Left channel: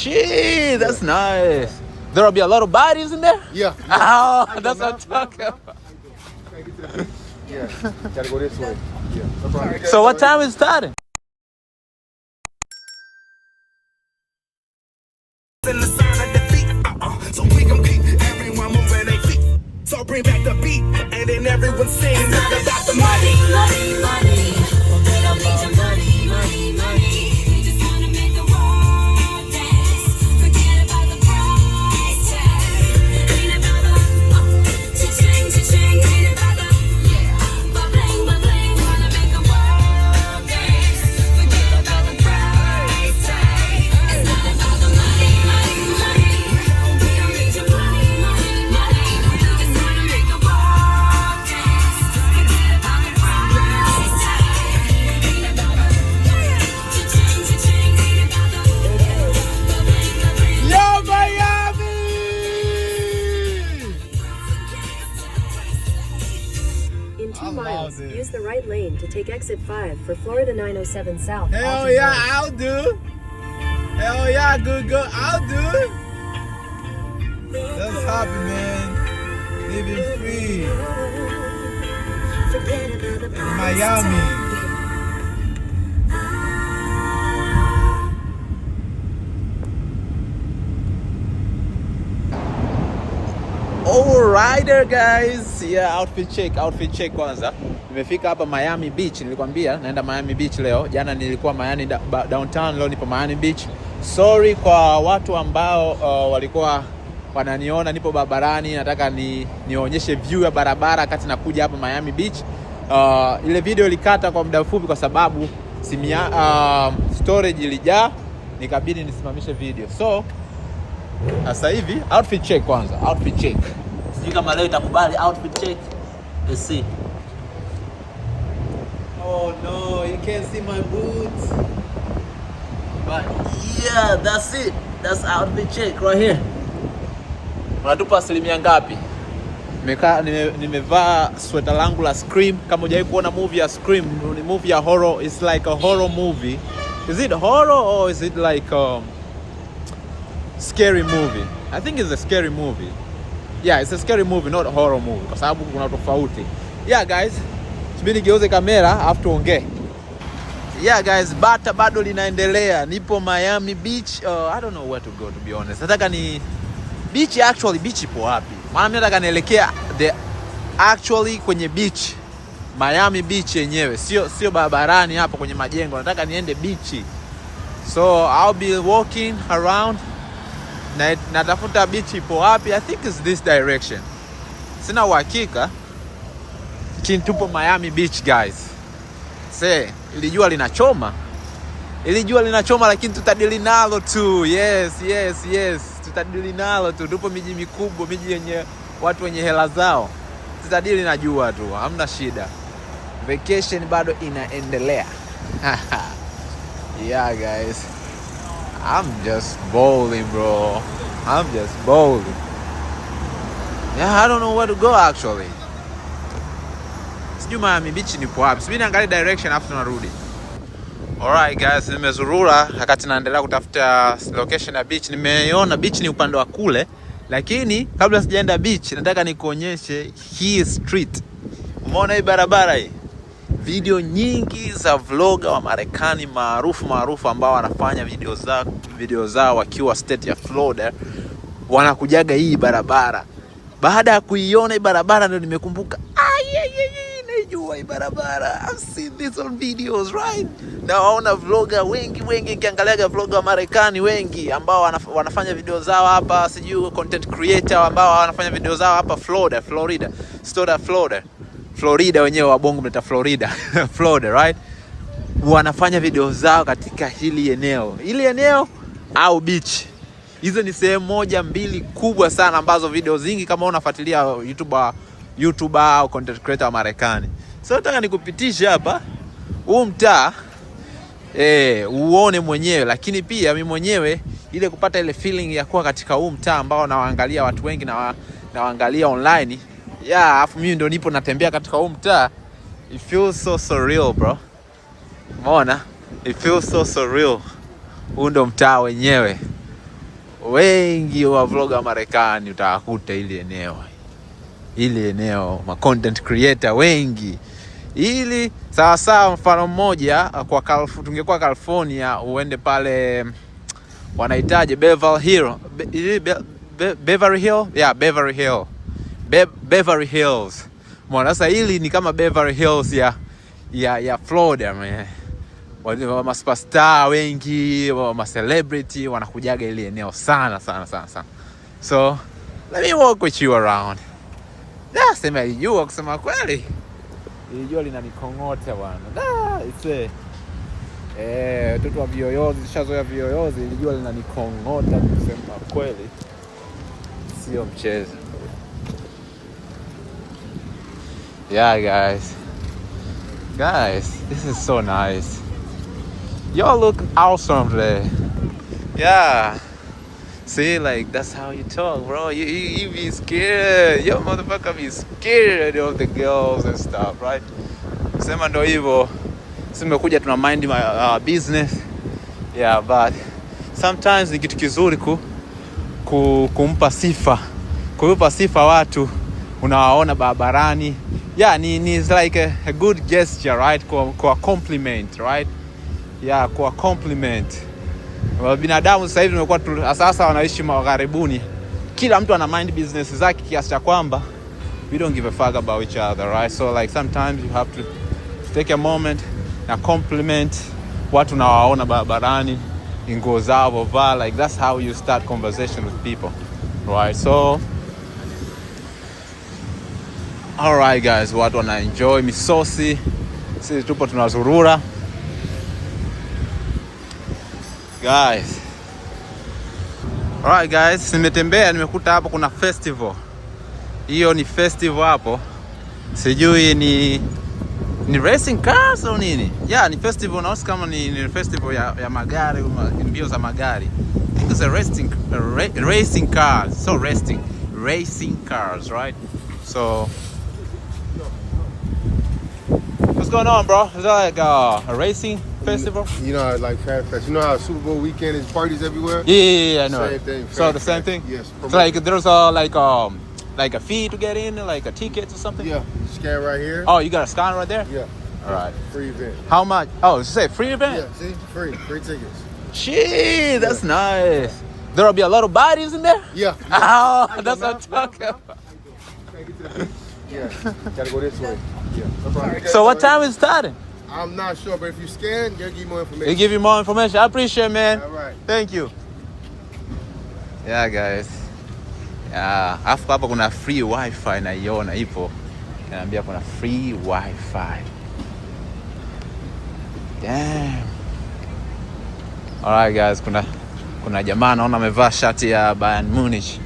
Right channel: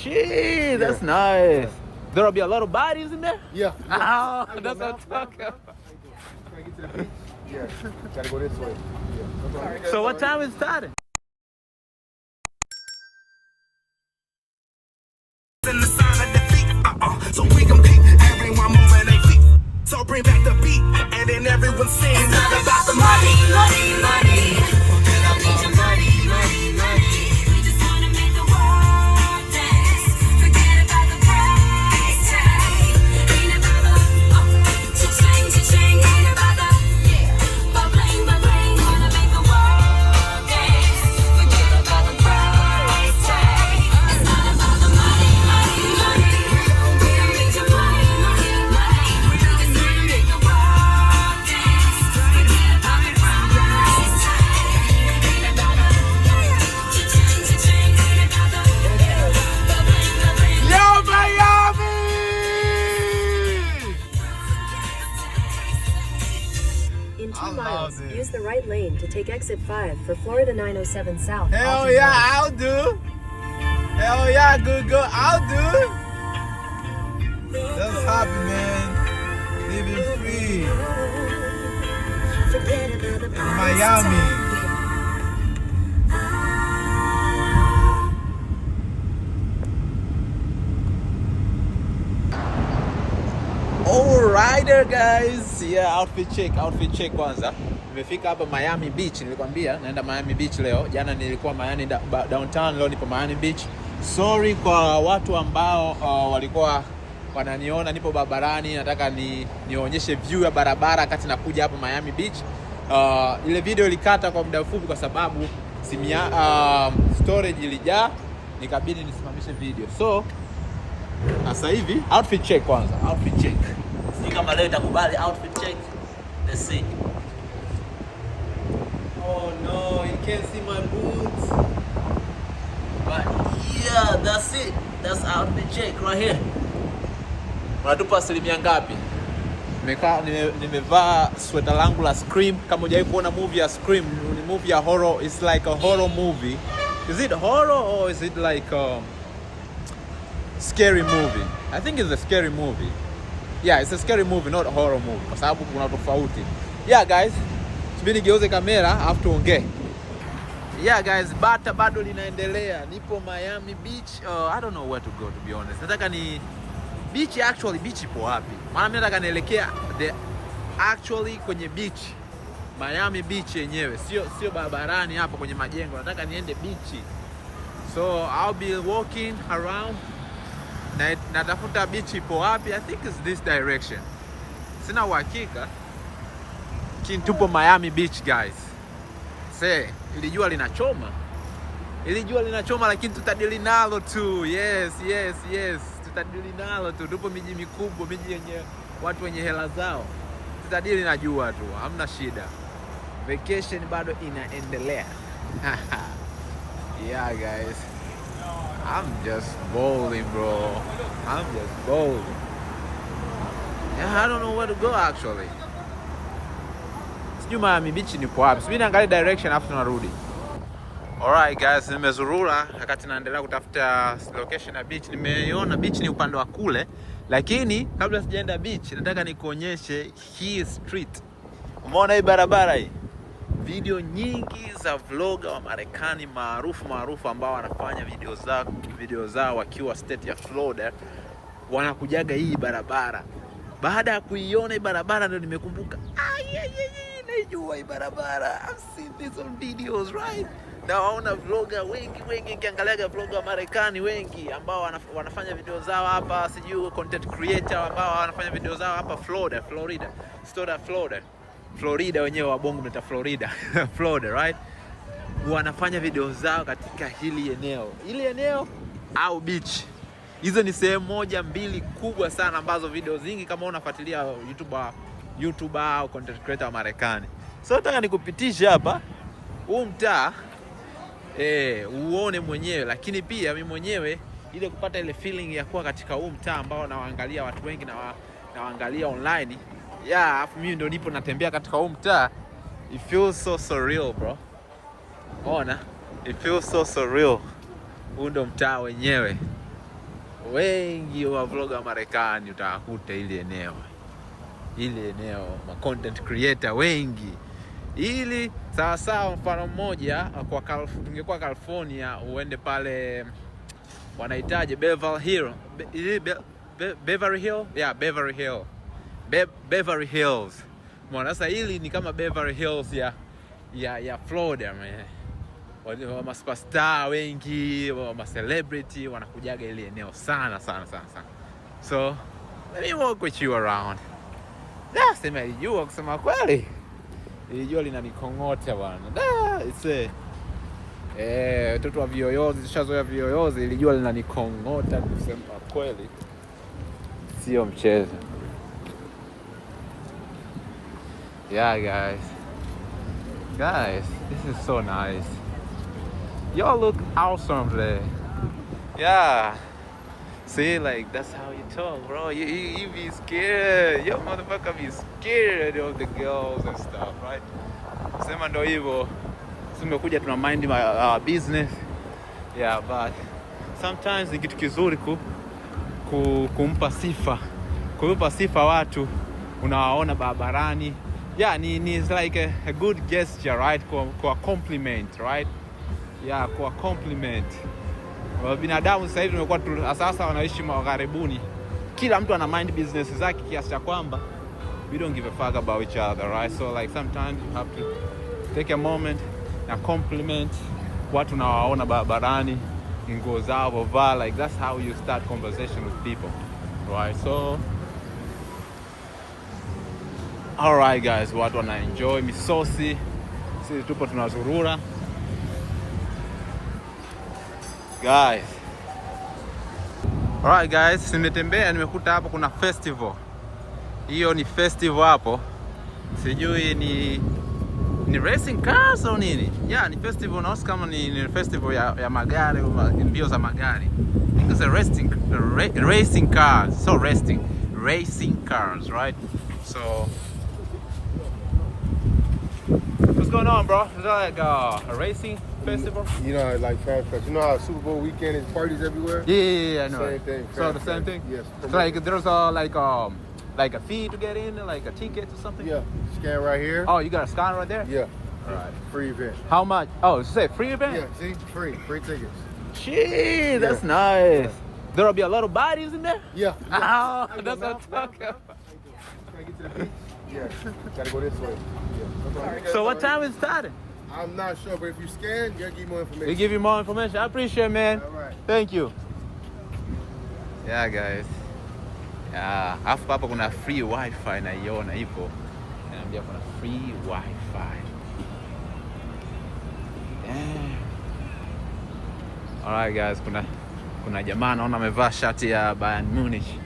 Shit, that's nice. There'll be a lot of bodies in there? Yeah. Oh, that's what I'm talking about. Yeah, gotta go this way. Yeah. So what time is it starting? So we gon' keep everyone moving their feet. So bring back the beat, and then everyone sings. It's about the money, money, money. Forget about the money, money, money. We just wanna make the world dance. Forget about the price tag. Ain't about the cha-ching, cha-ching. Ain't about the bling, bling. Wanna make the world dance. Forget about the price tag. It's not about the money, money, money. Use the right lane to take exit 5 for Florida 907 South. Hell yeah, I'll do. Hell yeah, good, I'll do. That's happy, man. Living free. In Miami. Alright guys. Yeah, outfit check kwanza. Nimefika hapa Miami Beach, nilikwambia naenda Miami Beach leo. Jana nilikuwa Miami downtown, leo nipo Miami Beach. Sorry kwa watu ambao walikuwa wananiona nipo barabarani, nataka nionyeshe view ya barabara kati nakuja hapa Miami Beach. Ile video ilikata kwa muda mfupi kwa sababu storage ilijaa, nikabidi nisimamishe video. So sasa hivi outfit check kwanza, outfit check. Sijui kama leo itakubali outfit check. Let's see. Oh no, you can't see my boots. But yeah, that's it. That's outfit check right here. Unatupa asilimia ngapi? Nimevaa sweater langu la Scream. Kama hujawahi kuona movie ya Scream, ni movie ya horror. It's like a horror movie. Is it horror or is it like scary movie? I think it's a scary movie. Yeah, it's a scary movie, not a horror movie. Kwa sababu kuna tofauti. Yeah guys, subiri geuze kamera afu tuongee. Yeah guys, bata bado linaendelea. Nipo Miami Beach. I don't know where to go to be honest. Nataka ni beach, actually beach ipo wapi? Maana mimi nataka nielekea actually kwenye beach. Miami Beach yenyewe. Sio barabarani hapa kwenye majengo. Nataka niende beach. So I'll be walking around. Natafuta beach ipo wapi? I think it's this direction. Sina uhakika. Tupo Miami Beach guys. Ili jua linachoma lakini tutadili nalo tu. Yes. Tutadili nalo tu. Tupo miji mikubwa, miji yenye watu wenye hela zao. Tutadili na jua tu. Hamna shida. Vacation bado inaendelea. Yeah guys. I'm just bowling, bro. Yeah, I don't know where to go actually. Sijui Miami Beach nipo wapi. Subiri niangalie direction afu tunarudi. Alright guys, nimezurura wakati naendelea kutafuta location ya beach. Nimeiona beach ni upande wa kule, lakini kabla sijaenda beach nataka nikuonyeshe hii street. Umeona hii barabara hii? Video nyingi za vlogger wa Marekani maarufu ambao wanafanya video zao wakiwa state ya Florida wanakujaga hii barabara. Baada ya kuiona hii barabara ndio nimekumbuka, naijua hii barabara. I've seen this on videos, right? Na waona vlogger wengi nikiangaliaga vlogger wa Marekani wengi ambao wanafanya video zao hapa, sijui content creator ambao wanafanya video zao hapa Florida wenyewe wa bongo mnaita Florida. Florida, right? Wanafanya video zao katika hili eneo au beach. Hizo ni sehemu moja mbili kubwa sana ambazo video zingi kama unafuatilia YouTuber au content creator wa Marekani. So nataka nikupitisha hapa huu mtaa uone mwenyewe, lakini pia mimi mwenyewe ile kupata ile feeling ya kuwa katika huu mtaa ambao nawaangalia watu wengi na waangalia online. Yeah, afu mimi ndo nipo natembea katika huu mtaa. It feels so surreal, bro. Umeona? It feels so surreal. Huu ndo mtaa wenyewe. wengi wa vlogger Marekani utawakuta ile eneo ma content creator wengi. Ili sawa mfano mmoja tungekuwa California, uende pale wanahitaji Beverly Hills. Mbona sasa hili ni kama Beverly Hills ya Florida man. Ma superstar wengi, ma celebrity wanakujaga ile eneo sana. So let me walk with you around. Sema ilijua kusema kweli. Ilijua linanikong'ota bwana. Watoto wa viyoyozi, shazoea viyoyozi, ilijua linanikong'ota kusema kweli. Sio mchezo. Yeah guys, this is so nice. Y'all look awesome today. Yeah. See, like, that's how you talk, bro. You be scared. Yo, motherfucker be scared of the girls and stuff, right? Sema ndo hivyo. Simekuja tuna mind my business. Yeah, but sometimes ni kitu kizuri kumpa sifa. Kuipa sifa watu unawaona barabarani. Yeah, it's like a good gesture, right? Kwa compliment, right? Yeah, kwa compliment. Binadamu sasa hivi tumekuwa sasa wanaishi magharibuni. Kila mtu ana mind business zake kiasi cha kwamba we don't give a fuck about each other, right? So like sometimes you have to take a moment na compliment watu unawaona barabarani, nguo zao vovaa, like that's how you start conversation with people, right? So all right guys, watu wana enjoy misosi, sisi tupo tunazurura guys. Alright guys, nimetembea nimekuta hapo kuna festival. Hiyo ni festival hapo. Sijui ni racing cars au nini? Yeah, ni festival na kama ni festival ya magari, mbio za magari. It's a racing cars. So racing cars, right? So what's going on, bro? Is that like a racing festival? You know, like Fat Fest. You know how Super Bowl weekend is parties everywhere? Yeah, I know. Same thing. So the same thing? Yes. So like there's like a fee to get in, like a ticket or something? Yeah. You scan right here. Oh, you got a scan right there? Yeah. All right. Free event. How much? Oh, you say free event? Yeah, see? Free tickets. Shit, that's nice. There'll be a lot of bodies in there? Yeah. Oh, that's what I'm talking about. Can I get to the beach? Yeah. Gotta go this way. Yeah. No problem. So what time is it starting? I'm not sure, but if you scan, they'll give you more information. They give you more information. I appreciate it, man. All right. Thank you. Yeah, guys. Yeah, afu hapa kuna free wifi naiona ipo. Naambia kuna free wifi. Damn. All right, guys, kuna jamaa naona amevaa shati ya Bayern Munich.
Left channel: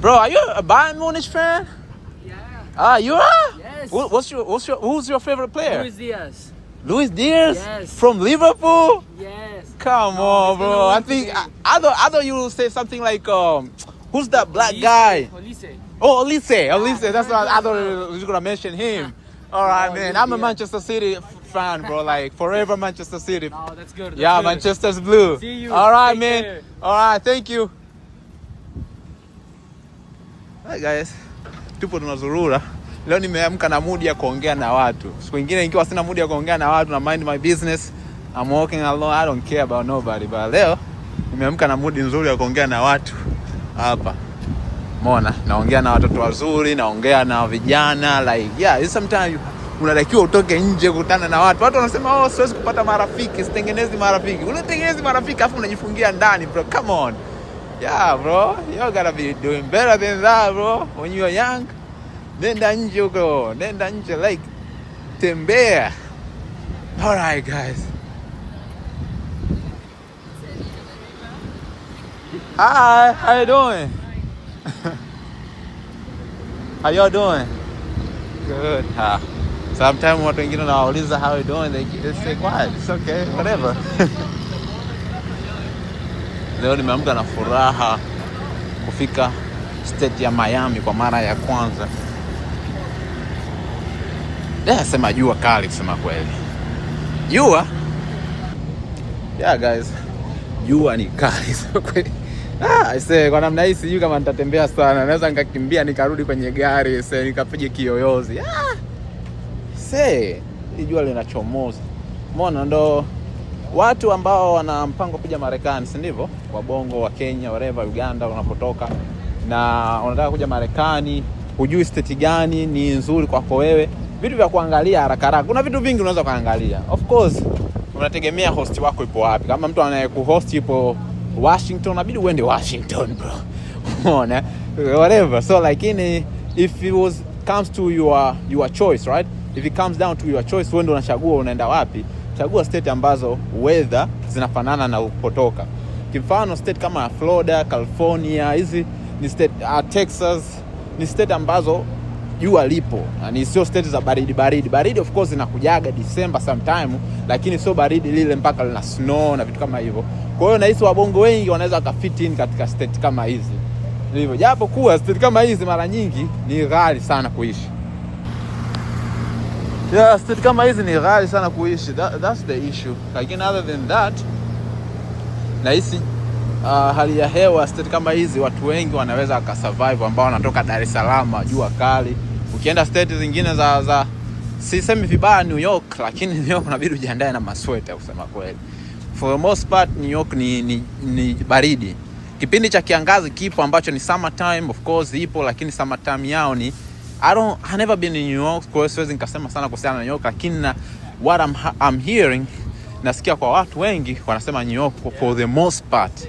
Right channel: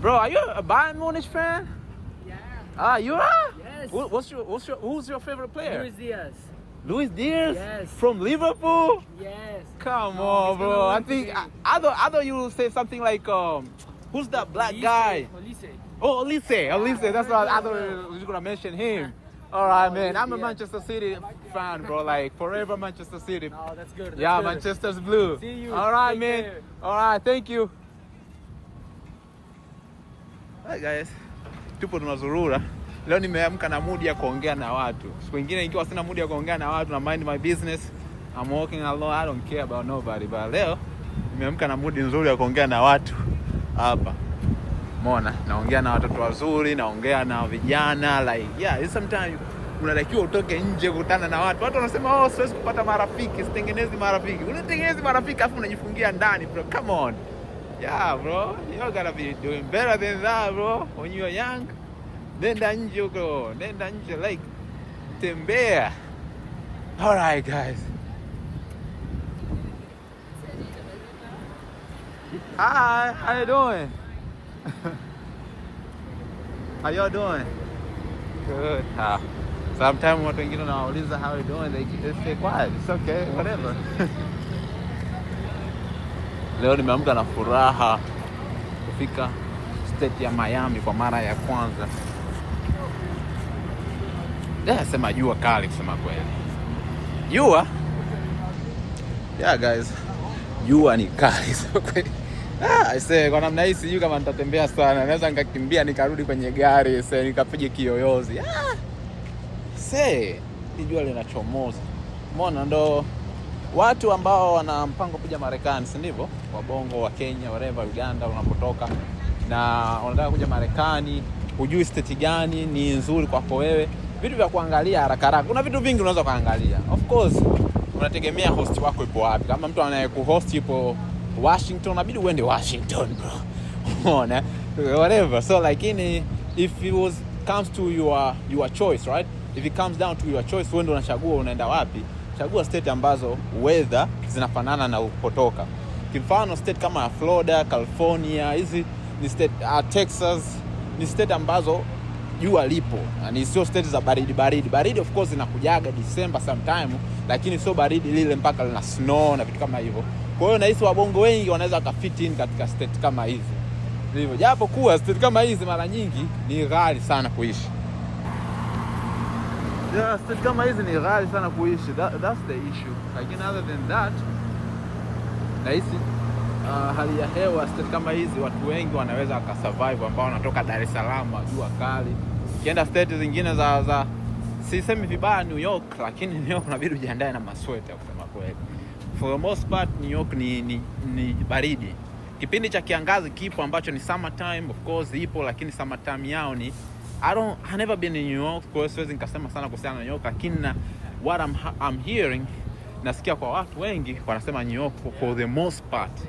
Bro, are you a Bayern Munich fan? Yeah. You are? Yes. Who's your favorite player? Luis Diaz. Luis Diaz? Yes. From Liverpool? Yes. Come on, bro. I think I thought you would say something like who's that black guy? Olise. Oh, Olise. That's what I thought you were gonna mention him. All right, man. I'm a Manchester City fan, bro. Like forever Manchester City. Oh, that's good. That's Yeah, good. Manchester's blue. See you. All right, Take man. care. All right, thank you. Hi guys. Tupo tunazurura. Leo nimeamka na mood ya kuongea na watu. Siku nyingine nikiwa sina mood ya kuongea na watu na mind my business, I'm walking alone, I don't care about nobody. But leo nimeamka na mood nzuri ya kuongea na watu hapa. Umeona? Naongea na watoto wazuri, naongea na vijana, like yeah, sometimes unatakiwa utoke nje kukutana na watu. Watu wanasema oh, siwezi kupata marafiki, sitengenezi marafiki. Unatengeneza marafiki afu unajifungia ndani, bro. Come on. Yeah, bro. You gotta be doing better than that, bro. When you are young. Nenda nje huko. Nenda nje, like tembea. All right, guys. Hi, how you doing? How y'all doing? Good. Sometimes watu wengine wanauliza how you doing, they say quiet. It's okay, whatever. Leo nimeamka na furaha kufika state ya Miami kwa mara ya kwanza. Sema jua kali kusema kweli. Jua? Yeah guys. Jua ni kali kusema kweli. Aisee, kwa namna hii sijui kama nitatembea sana. Naweza nikakimbia nikarudi kwenye gari, nikapige kiyoyozi. Jua linachomoza. Umeona, ndo watu ambao wana mpango kuja Marekani, si ndivyo? Wabongo wa Kenya, wherever, Uganda unapotoka, na wanataka kuja Marekani, hujui state gani ni nzuri kwako wewe. Vitu vya kuangalia haraka haraka. Kuna vitu vingi unaweza kuangalia. Of course, unategemea host wako ipo wapi. Kama mtu anayekuhost ipo Washington, inabidi uende Washington, bro. Umeona? Whatever. So like if it comes to your choice, right? If it comes down to your choice, wewe ndio unachagua unaenda wapi. Chagua state ambazo weather zinafanana na upotoka. Kimfano state kama Florida, California, hizi ni state, Texas ni state ambazo jua lipo. Ni sio state za baridi. Baridi of course inakujaga December sometime, lakini sio baridi lile mpaka lina snow na vitu kama hivyo. Kwa hiyo nahisi wabongo wengi wanaweza kufit in katika state kama hizi. Ndivyo. Japo kuwa state kama hizi mara nyingi ni ghali sana kuishi. Yeah, state kama hizi ni ghali sana kuishi. That's the issue. Lakini other than that, nahisi hali ya hewa state kama hizi watu wengi wanaweza wakasurvive, ambao wanatoka Dar es Salaam, jua kali. Ukienda state zingine za sisemi vibaya New York, lakini New York unabidi ujiandae na masweta kusema kweli. For the most part New York ni baridi. Kipindi cha kiangazi kipo ambacho ni summer time, of course ipo, lakini summer time yao ni I never been in New York, kwa hiyo siwezi nikasema sana kuhusiana na New York, lakini what I'm hearing, nasikia kwa watu wengi wanasema New York for the most part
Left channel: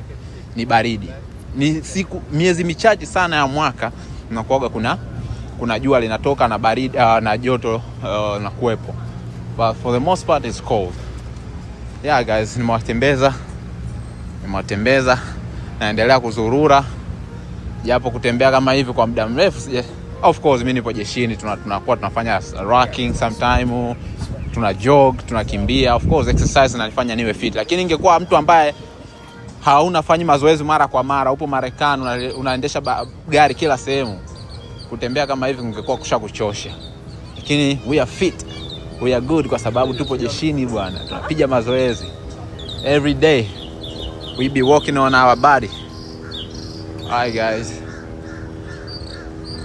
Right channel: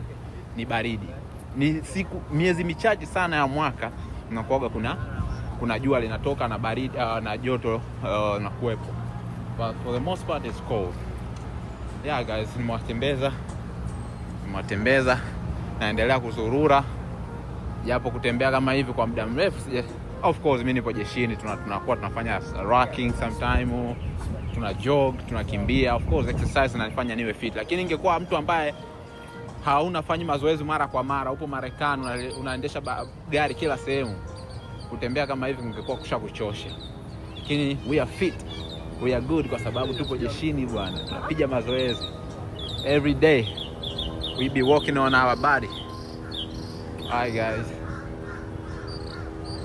ni baridi. Ni miezi michache sana ya mwaka unakuaga kuna jua linatoka na baridi na joto na kuwepo. But for the most part it's cold. Yeah guys, nimewatembeza naendelea kuzurura, japo kutembea kama hivi kwa muda mrefu. Of course mimi nipo jeshini, tunakuwa tunafanya rocking sometime, tuna jog, tunakimbia. Of course exercise inanifanya niwe fit, lakini ingekuwa mtu ambaye haunafanya mazoezi mara kwa mara, upo Marekani unaendesha gari kila sehemu, kutembea kama hivi ungekuwa kushakuchosha. Lakini we are fit, we are good kwa sababu tupo jeshini bwana, tunapiga mazoezi every day. We be working on our body. Alright guys,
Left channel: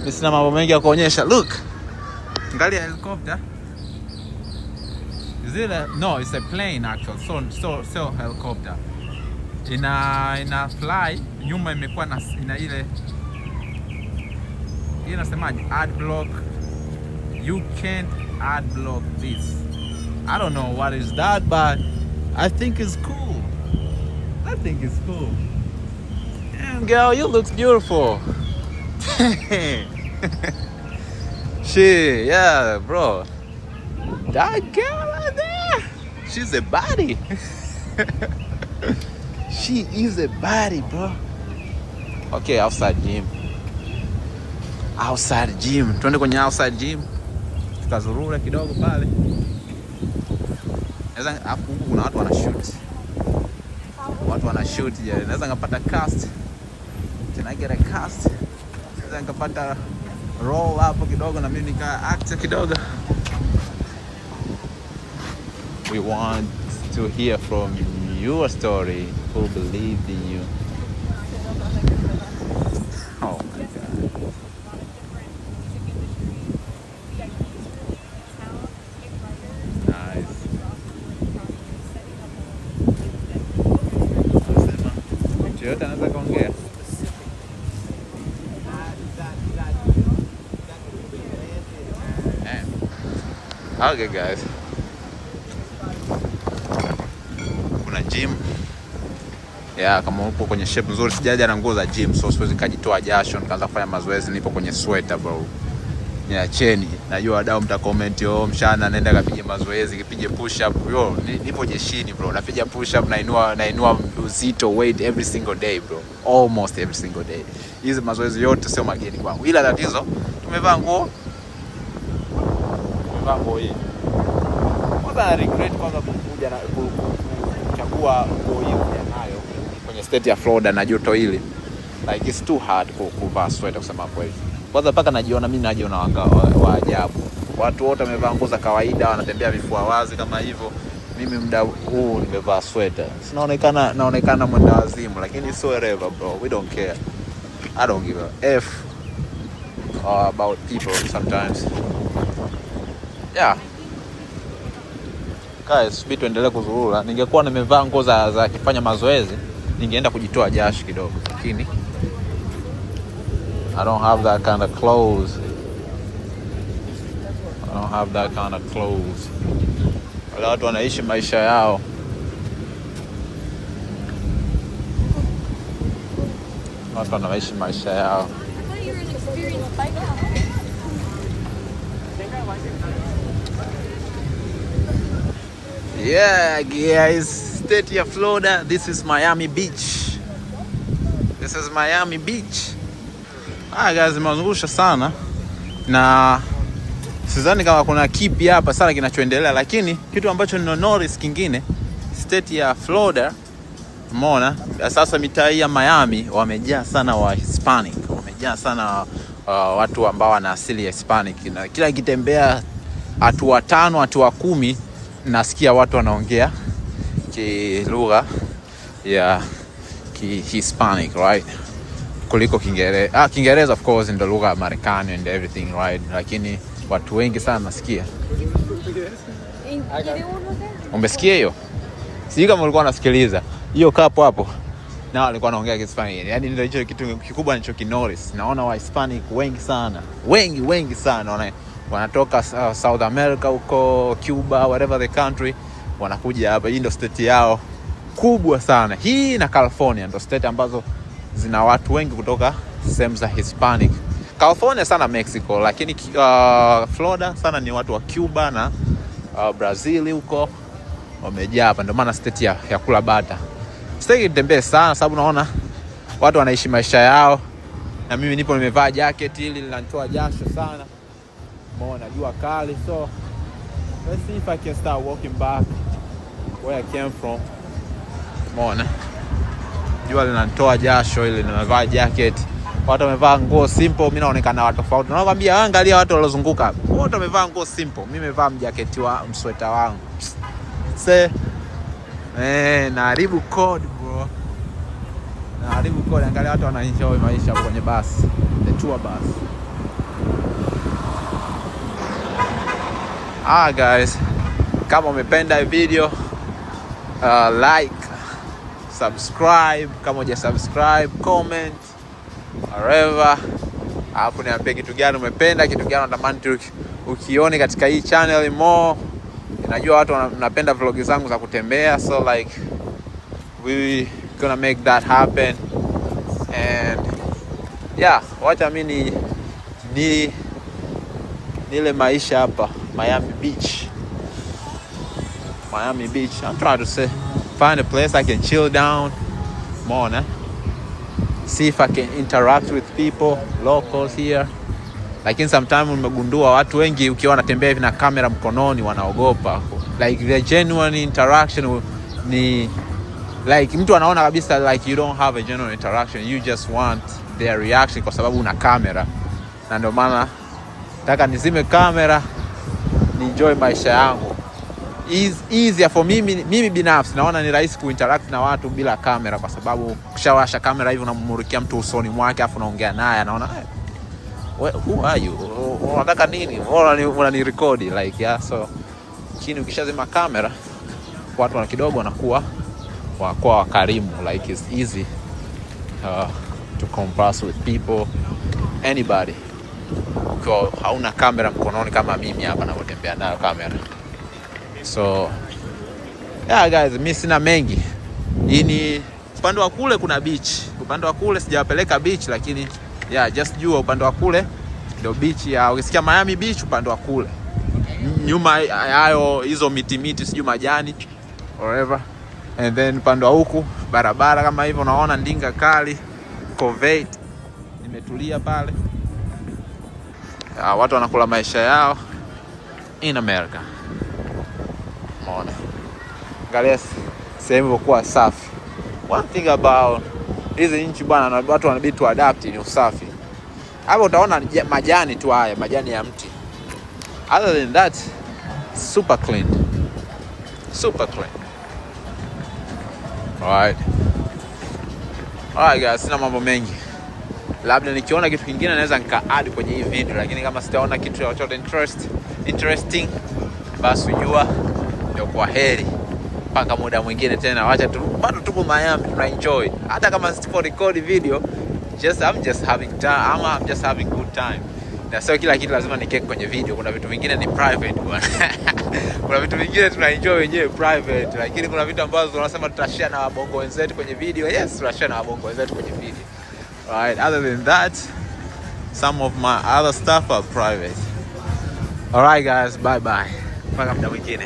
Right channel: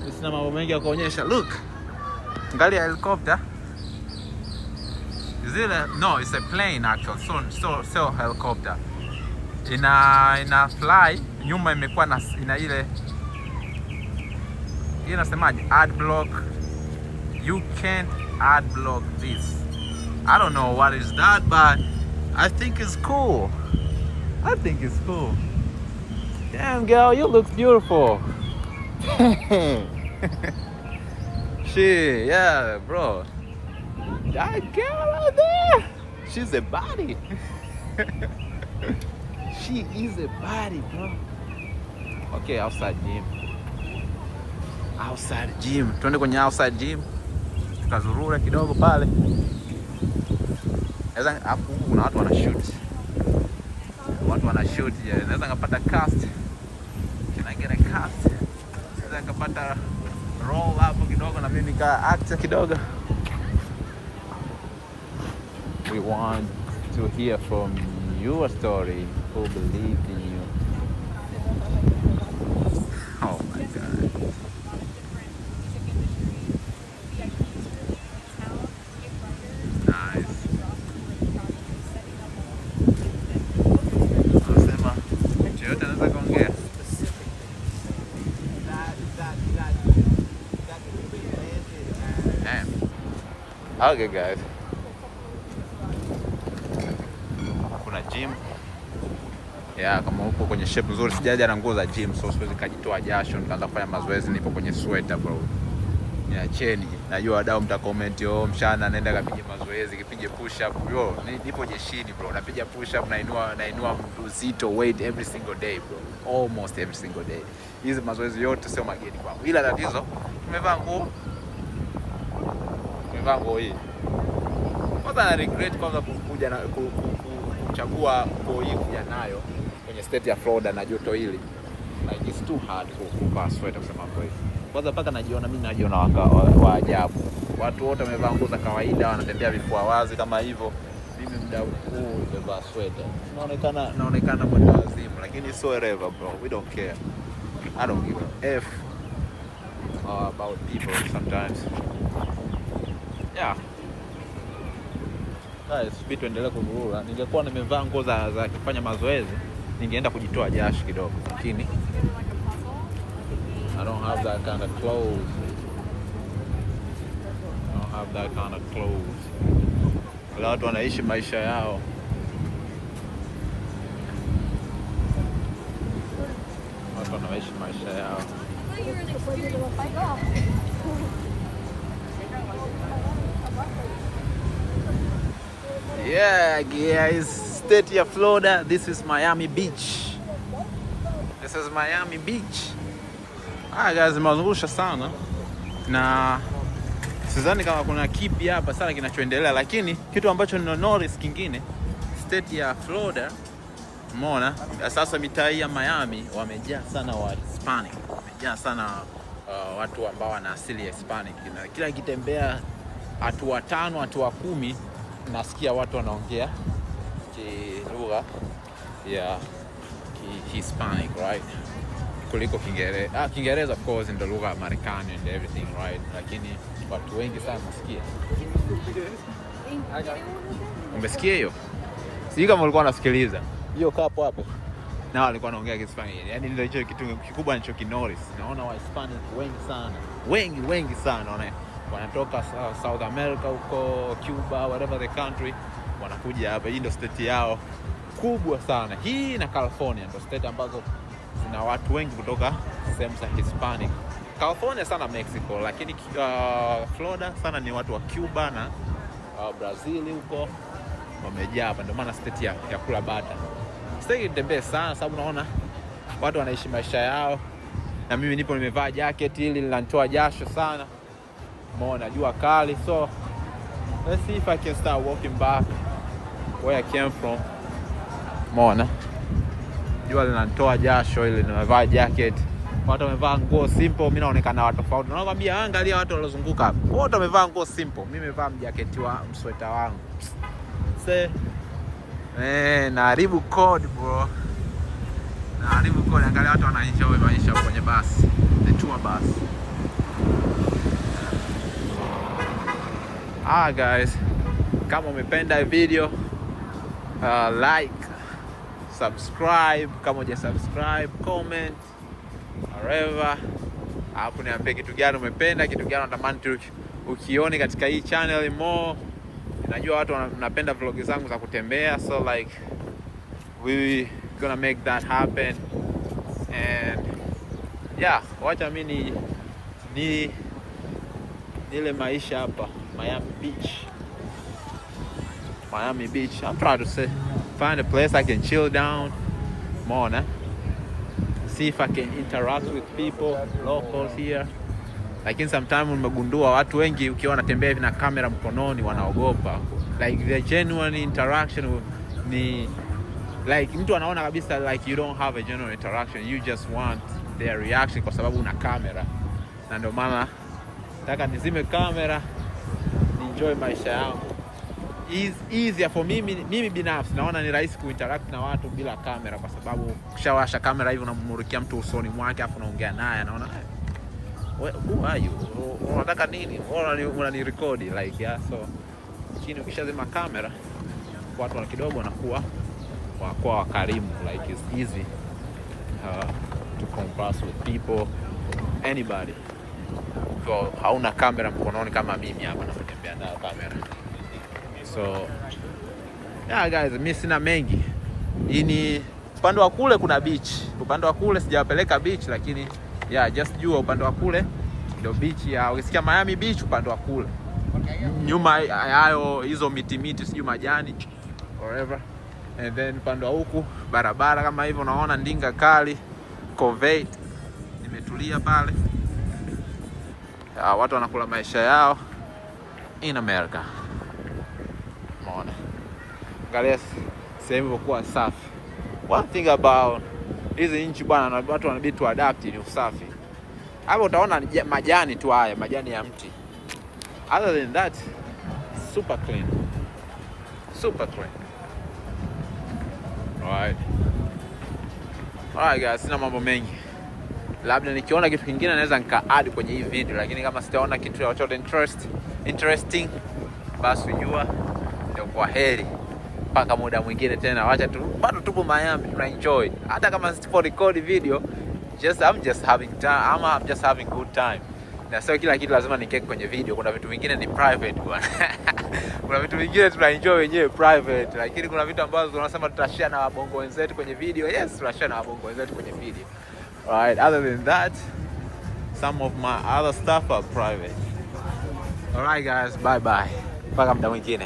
sina mambo mengi ya kuonyesha. Look, angalia helicopter. Is it no, it's a plane actually. So helicopter. Ina fly, nyuma imekuwa ina ile inasemaje, ad block. You can't ad block this. I don't know what is that, but I think it's cool. Damn girl, you look beautiful. Shit, yeah, bro. That girl right there, she's a body. She is a body, bro. Okay, outside gym. Tuende kwenye outside gym. Tukazurura kidogo pale. Hapo kuna watu wanashoot. Naweza ngapata cast. Get a cast. Naweza ngapata roll hapo kidogo na mimi nika act kidogo. We want to hear from your story. Who believed in you? Oh my God. Nice. Anasema mtu yote anaweza kuongea. Okay guys. Kuna gym. Yeah, kama upo kwenye shape nzuri, sijaja na nguo za gym, so siwezi kujitoa jasho nikaanza kufanya mazoezi, nipo kwenye sweater bro. Niacheni. Najua wadau mta comment mshana naenda kapige mazoezi, kipige push up. Yo, nipo jeshini bro. Napiga push up, nainua uzito weight every single day bro. Almost every single day. Hizi mazoezi yote sio mageni kwangu. Ila tatizo tumevaa nguo hii. Kwanza na regret kwanza kukuja na kuchagua nguo hii kuja nayo kwenye state ya Florida na joto hili. Like it's too hard kuvaa sweater kusema kweli. Kwanza paka mimi najiona wa ajabu. Watu wote wamevaa nguo za kawaida, wanatembea vifua wazi kama hivyo. Mimi muda huu nimevaa sweater. Naonekana mwenda wazimu, lakini so whatever bro. We don't care. I don't give a F about people sometimes. Yeah. Guys, vitu endelee kuzurura. Ningekuwa nimevaa nguo za kufanya mazoezi, ningeenda kujitoa jasho kidogo, lakini I don't have that kind of clothes. Wale watu wanaishi maisha yao. Watu wanaishi maisha yao. Yeah, guys, state of Florida. This is Miami Beach. Guys, nimezungusha sana na sidhani kama kuna kipi hapa sana kinachoendelea, lakini kitu ambacho nino notice kingine, state ya Florida, umeona sasa mitaa ya Miami wamejaa sana wa Hispanic, wamejaa sana watu ambao wana asili ya Hispanic, na kila kitembea hatua 5 hatua 10 nasikia watu wanaongea lugha ya Hispanic, right? Kuliko Kiingereza. Kiingereza of course ndio lugha ya Marekani and everything, right? Lakini watu wengi sana nasikia. Umesikia hiyo? Sijui kama ulikuwa unasikiliza. Hiyo kapo hapo. Na walikuwa wanaongea Kispanish. Yaani ndio hicho kitu kikubwa nilichokinotice. Naona wa Hispanic wengi sana. Wengi sana. Wanatoka South America huko, Cuba, whatever the country, wanakuja hapa. Hii ndio state yao kubwa sana. Hii na California ndio state ambazo zina watu wengi kutoka sehemu za Hispanic. California sana Mexico, lakini Florida sana ni watu wa Cuba na Brazil huko wamejaa hapa. Ndio maana state ya kula bata. Sitaki nitembee sana sababu naona watu wanaishi maisha yao, na mimi nipo nimevaa jacket hili linanitoa jasho sana. Umeona jua kali, so let's see if I can start walking back where I came from. Umeona jua linanitoa jasho hili, nimevaa jacket. Watu wamevaa nguo simple, mimi naonekana watu tofauti. Nakwambia angalia watu waliozunguka hapo. Wote wamevaa nguo simple. Mimi nimevaa mjaketi wa msweta wangu. Naharibu code bro. Angalia watu wanaenjoy maisha kwenye basi. The tour bus. Guys, kama umependa hii video, like, subscribe kama hujasubscribe, comment whatever. Hapo niambie kitu gani umependa, kitu gani unatamani ukione katika hii channel more. Najua watu wanapenda vlog zangu za kutembea, so like we gonna make that happen. And yeah, wacha mimi nile maisha hapa Miami Beach. I'm trying to find a place I can chill down more, see if I can interact with people, locals here. Lakini sometimes nimegundua watu wengi ukiwa wanatembea hivi na kamera mkononi wanaogopa. Like the genuine interaction ni like mtu anaona kabisa like you don't have a genuine interaction, you just want their reaction kwa sababu una kamera. Na ndio maana nataka nizime kamera, ni enjoy maisha yangu. Easier for mimi binafsi naona ni rahisi kuinteract na watu bila kamera, kwa sababu ukishawasha kamera hivi unammulikia mtu usoni mwake afu unaongea naye, anaona who are you? Unataka nini? Unani record like yeah. So chini ukishazima kamera watu wana kidogo wanakuwa wakarimu, like it's easy to converse with people, anybody. Ukiwa hauna kamera mkononi kama mimi hapa ninapotembea nayo kamera. So yeah guys, mimi sina mengi. Hii ni upande wa kule kuna beach. Upande wa kule sijawapeleka beach, lakini yeah, just jua upande wa kule ndio beach ya ukisikia Miami Beach, upande wa kule. Nyuma hayo hizo miti sijui majani whatever. And then upande wa huku barabara kama hivyo unaona Ndinga Kali, Covate. Nimetulia pale. Watu wanakula maisha yao in America. Umeona? Angalia sehemu kwa safi. One thing about hizi nchi bwana, watu wanabidi tu adapt ni usafi. Hapo utaona majani tu haya, majani ya mti. Other than that, super clean. super clean. Alright guys, sina mambo mengi. Labda nikiona kitu kingine naweza nika-add kwenye hii video, lakini kama sitaona kitu chochote interesting, basi ujua ndio kwa heri. Mpaka muda mwingine tena. Wacha tu bado tupo Miami, tuna enjoy. Hata kama sipo record video, I'm just having good time. Na sio kila kitu lazima nikeke kwenye video. Kuna vitu vingine ni private bwana. Kuna vitu vingine tuna enjoy wenyewe private, lakini kuna vitu ambazo tunasema tutashare na wabongo wenzetu kwenye video. Yes, tutashare na wabongo wenzetu kwenye video. Alright, other than that, some of my other stuff are private. Alright guys, bye bye. Mpaka muda mwingine.